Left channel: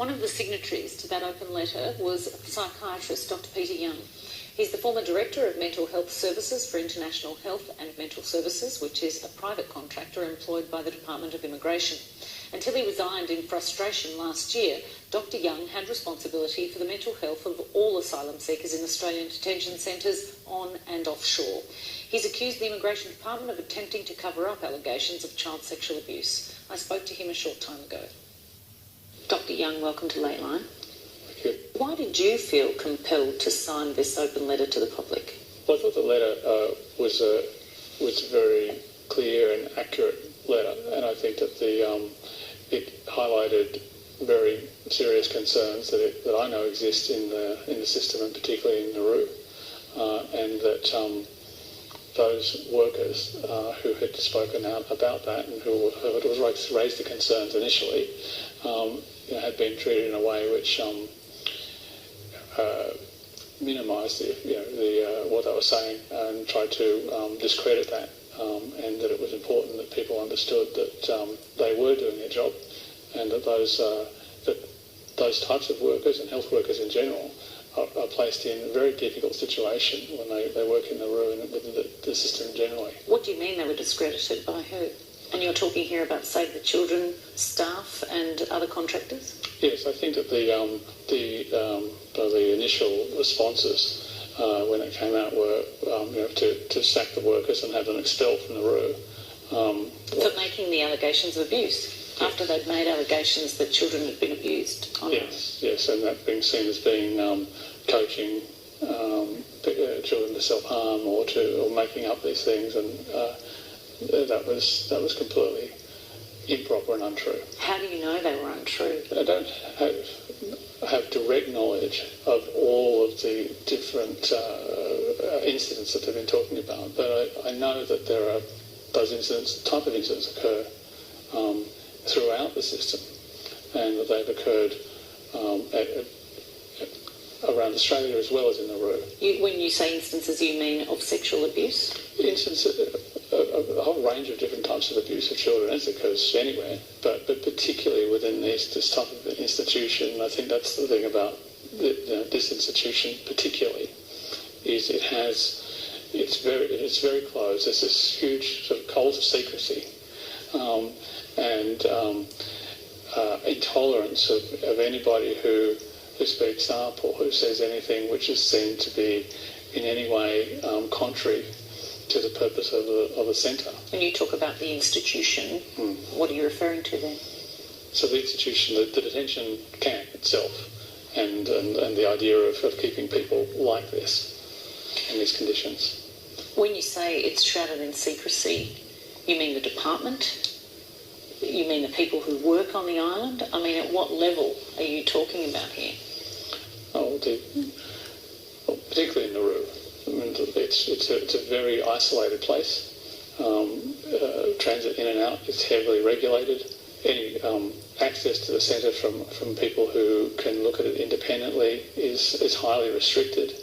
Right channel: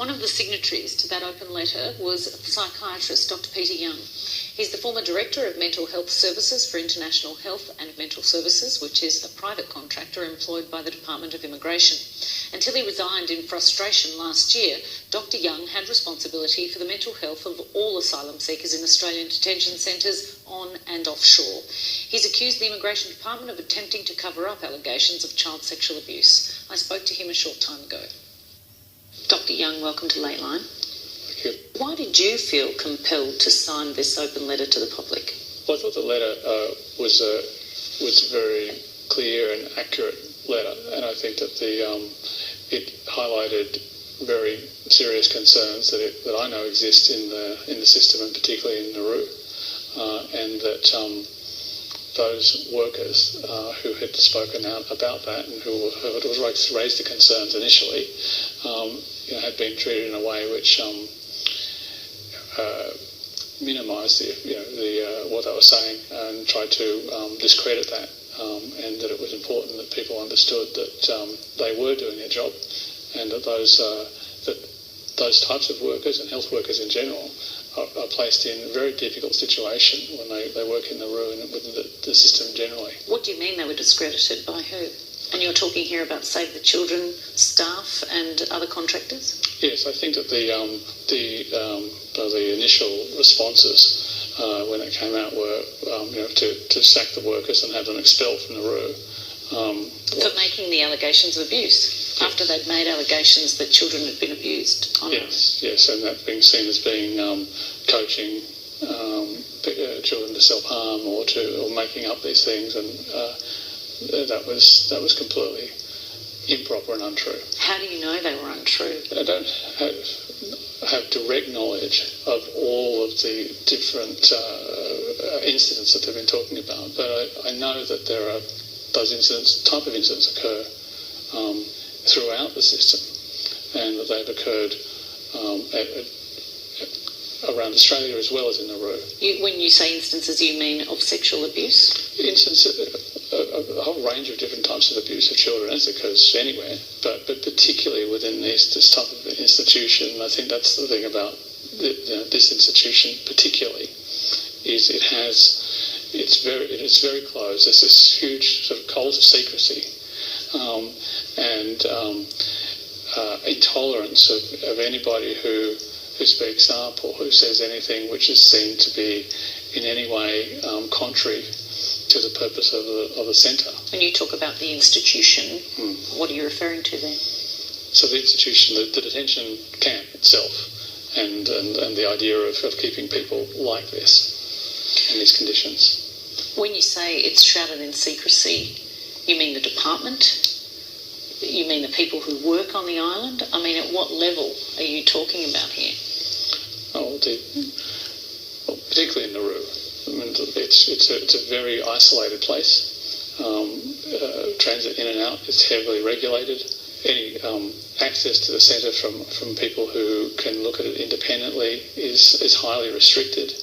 One of the signatories to that open letter was psychiatrist Dr. Peter Young. He's the former Director of Mental Health Services for International Health and Mental Services, which is a private contractor employed by the Department of Immigration. Until he resigned in frustration last year, Dr. Young had responsibility for the mental health of all asylum seekers in Australian detention centres on and offshore. He's accused the Immigration Department of attempting to cover up allegations of child sexual abuse. I spoke to him a short time ago. Dr. Young, welcome to Lateline. Thank you. Why did you feel compelled to sign this open letter to the public? Well, I thought the letter was a very clear and accurate letter, and I think that it highlighted very serious concerns that I know exist in the system, and particularly in Nauru, and that those workers who had spoken out about that and who had raised the concerns initially, had been treated in a way which minimised what they were saying and tried to discredit that, and that it was important that people understood that they were doing their job, and that those types of workers and health workers in general are placed in a very difficult situation when they work in the Nauru and within the system generally. What do you mean they were discredited? By who? And you're talking here about Save the Children staff and other contractors? Yes, I think that the initial responses when it came out were to sack the workers and have them expelled from Nauru. For making the allegations of abuse? Yes. After they'd made allegations that children had been abused? Yes, and that being seen as being coaching children to self-harm or making up these things, and that was completely improper and untrue. How do you know they were untrue? I don't have direct knowledge of all of the different incidents that they've been talking about, but I know that there are those type of incidents occur throughout the system, and that they've occurred around Australia as well as in Nauru. When you say instances, you mean of sexual abuse? A whole range of different types of abuse of children, as occurs anywhere, but particularly within this type of institution. I think that's the thing about this institution particularly, is it's very closed. There's this huge sort of cult of secrecy and intolerance of anybody who speaks up or who says anything which is seen to be in any way contrary to the purpose of the centre. When you talk about the institution, what are you referring to there? So the institution, the detention camp itself, and the idea of keeping people like this in these conditions. When you say it's shrouded in secrecy, you mean the department? You mean the people who work on the island? I mean, at what level are you talking about here? Particularly in Nauru. I mean, it's a very isolated place. Transit in and out is heavily regulated. Any access to the centre from people who can look at it independently is highly restricted.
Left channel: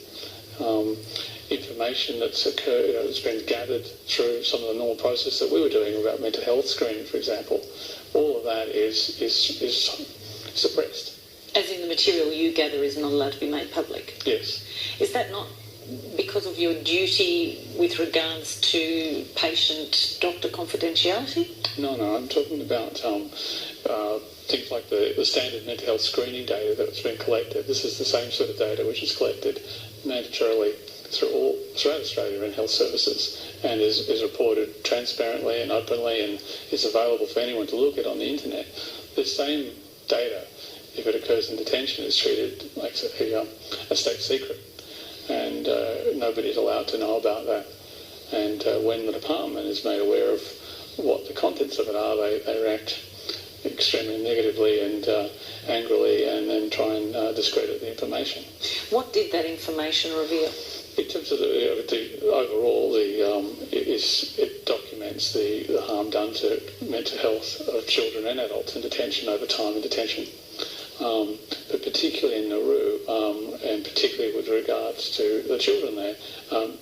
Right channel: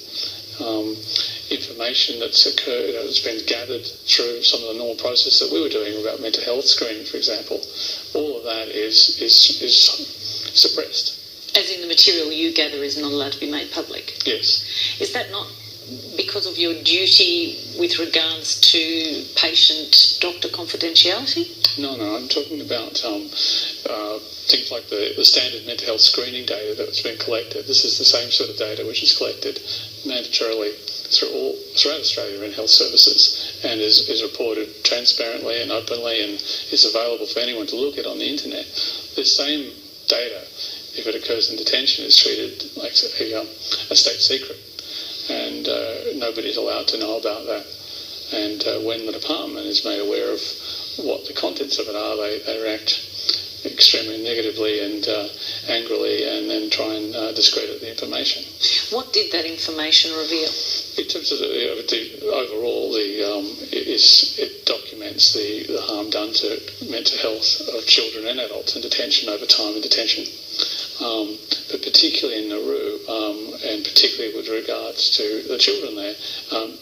Information that's occurred, that's been gathered through some of the normal process that we were doing about mental health screening, for example, all of that is suppressed. As in the material you gather is not allowed to be made public? Yes. Is that not because of your duty with regards to patient-doctor confidentiality? No, I'm talking about things like the standard mental health screening data that's been collected. This is the same sort of data which is collected mandatorily throughout Australia in health services, and is reported transparently and openly, and is available for anyone to look at on the internet. The same data, if it occurs in detention, is treated like a state secret, and nobody's allowed to know about that. And when the department is made aware of what the contents of it are, they react extremely negatively and angrily, and then try and discredit the information. What did that information reveal? In terms of the overall, it documents the harm done to mental health of children and adults in detention over time in detention. But particularly in Nauru, and particularly with regards to the children there,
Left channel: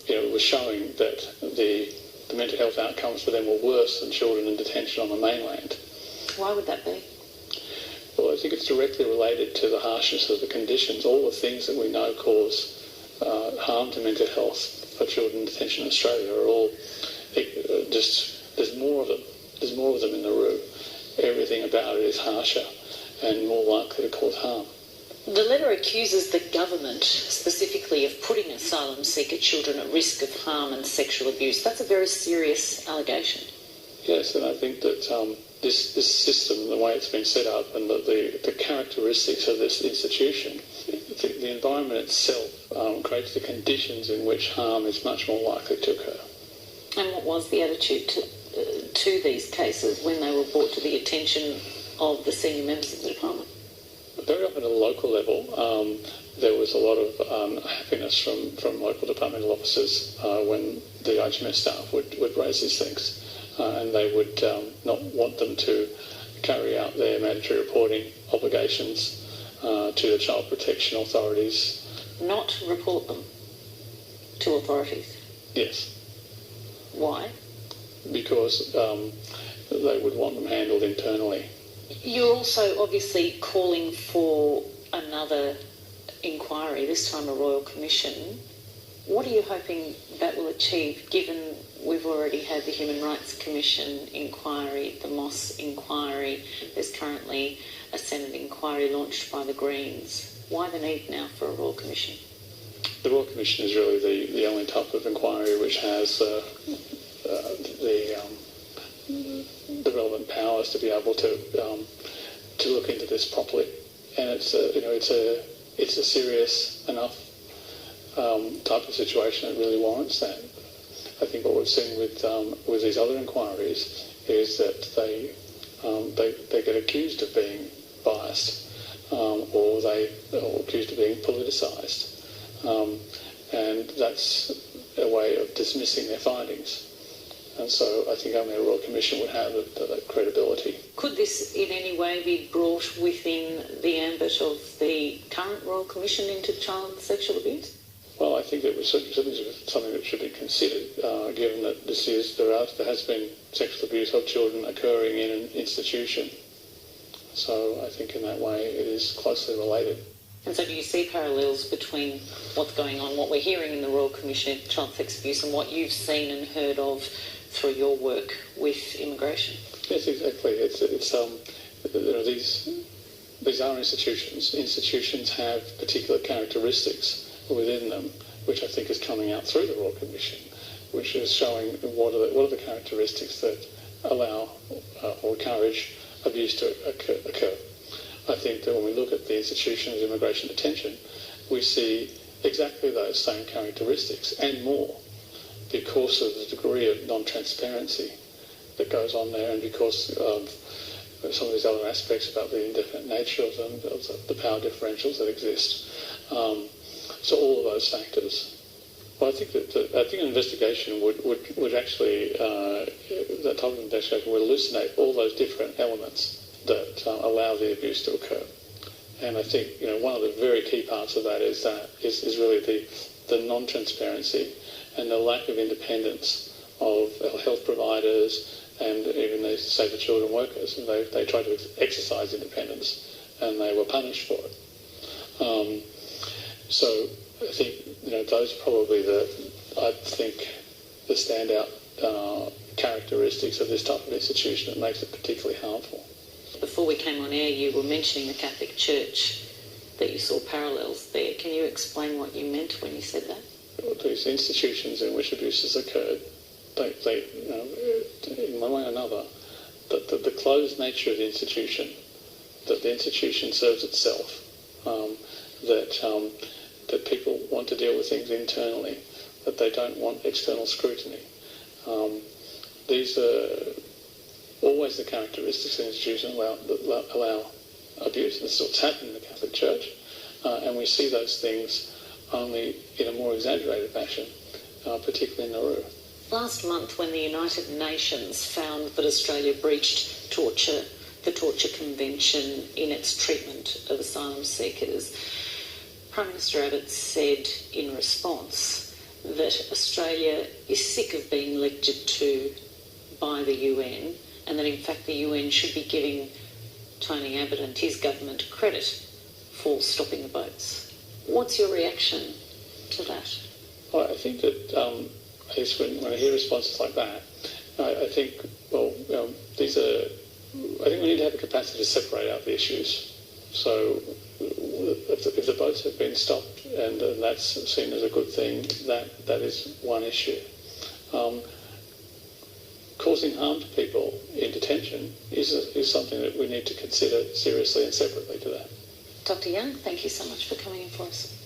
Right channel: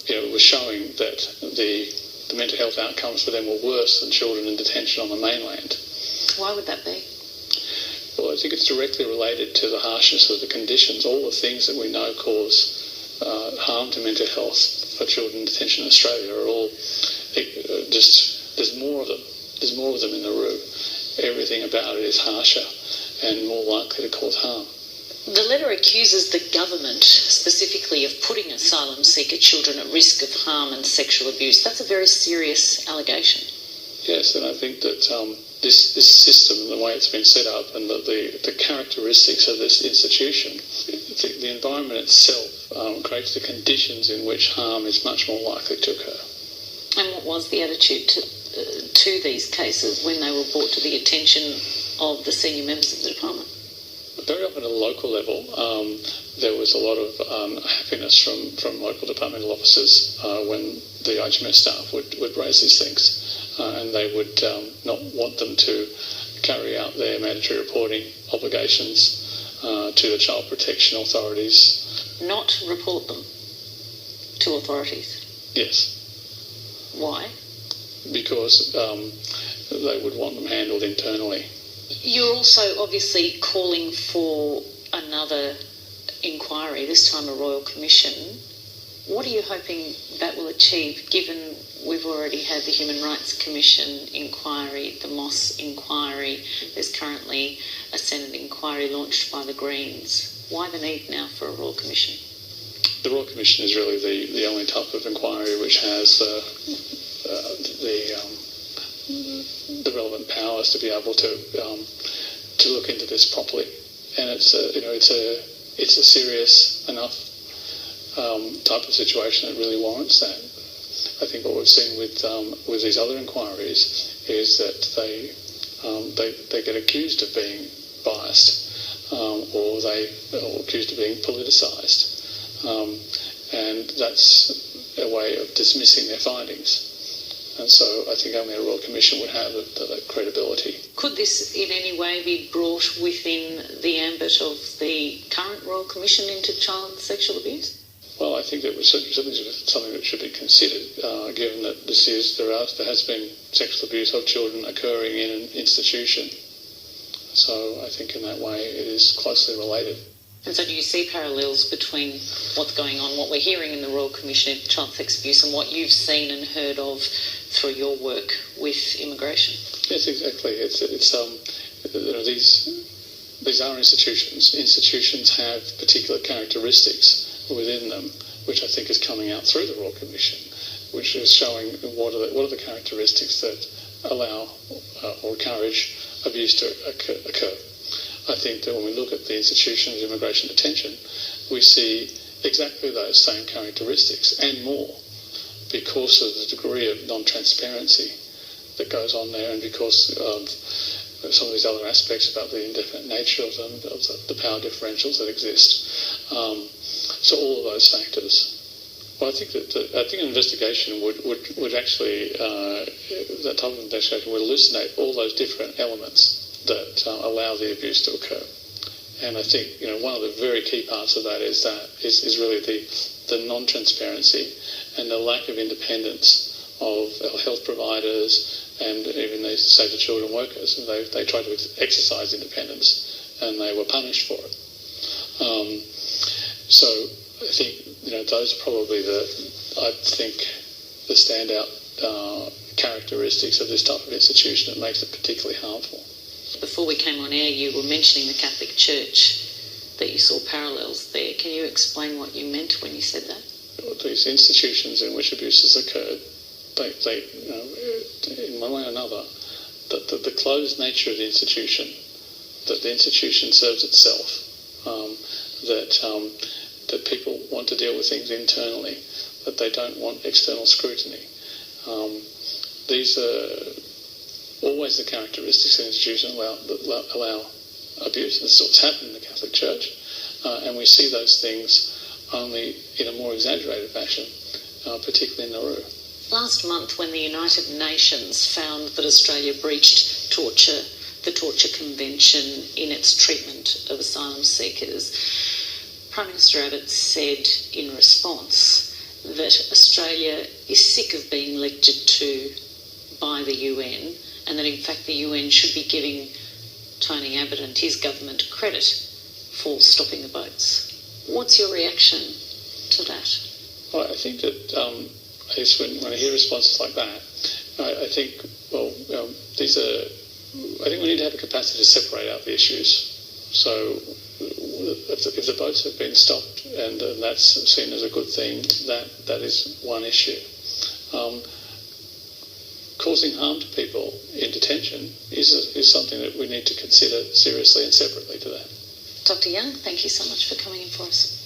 it was showing that the mental health outcomes for them were worse than children in detention on the mainland. Why would that be? Well, I think it's directly related to the harshness of the conditions. All the things that we know cause harm to mental health for children in detention in Australia are all there's more of them. There's more of them in the room. Everything about it is harsher and more likely to cause harm. The letter accuses the government specifically of putting asylum seeker children at risk of harm and sexual abuse. That's a very serious allegation. Yes, and I think that this system, the way it's been set up, and the characteristics of this institution, the environment itself creates the conditions in which harm is much more likely to occur. And what was the attitude to these cases when they were brought to the attention of the senior members of the department? Very often at a local level, there was a lot of happiness from local departmental officers when the IGMS staff would raise these things. And they would not want them to carry out their mandatory reporting obligations to the child protection authorities. Not report them to authorities? Yes. Why? Because they would want them handled internally. You're also obviously calling for another inquiry, this time a Royal Commission. What are you hoping that will achieve, given we've already had the Human Rights Commission inquiry, the Moss inquiry, there's currently a Senate inquiry launched by the Greens? Why the need now for a Royal Commission? The Royal Commission is really the only type of inquiry which has the relevant powers to be able to look into this properly, and it's a serious enough type of situation that really warrants that. I think what we've seen with these other inquiries is that they get accused of being biased, or accused of being politicised, and that's a way of dismissing their findings. And so I think only a Royal Commission would have that credibility. Could this in any way be brought within the ambit of the current Royal Commission into child sexual abuse? Well, I think that was certainly something that should be considered, given that there has been sexual abuse of children occurring in an institution. So I think in that way it is closely related. And so do you see parallels between what's going on, what we're hearing in the Royal Commission into child sex abuse, and what you've seen and heard of through your work with immigration? Yes, exactly. These are institutions. Institutions have particular characteristics within them, which I think is coming out through the Royal Commission, which is showing what are the characteristics that allow or encourage abuse to occur. I think that when we look at the institution of immigration detention, we see exactly those same characteristics and more, because of the degree of non-transparency that goes on there, and because of some of these other aspects about the indefinite nature of them, of the power differentials that exist. So all of those factors. Well, I think an investigation would actually, that type of investigation would elucidate all those different elements that allow the abuse to occur. And I think one of the very key parts of that is really the non-transparency and the lack of independence of our health providers and even the Save the Children workers. They tried to exercise independence and they were punished for it. So I think those are probably the standout characteristics of this type of institution that makes it particularly harmful. Before we came on air, you were mentioning the Catholic Church, that you saw parallels there. Can you explain what you meant when you said that? These institutions in which abuses occurred, they in one way or another, the closed nature of the institution, that the institution serves itself, that people want to deal with things internally, that they don't want external scrutiny. These are always the characteristics of institutions that allow abuse. This is what's happened in the Catholic Church, and we see those things only in a more exaggerated fashion, particularly in Nauru. Last month, when the United Nations found that Australia breached the Torture Convention in its treatment of asylum seekers, Prime Minister Abbott said in response that Australia is sick of being lectured to by the UN, and that in fact the UN should be giving Tony Abbott and his government credit for stopping the boats. What's your reaction to that? Well, I think that I guess when I hear responses like that, I think, well, these are. I think we need to have a capacity to separate out the issues. So, if the boats have been stopped and that's seen as a good thing, that is one issue. Causing harm to people in detention is something that we need to consider seriously and separately to that. Dr. Young, thank you so much for coming in for us.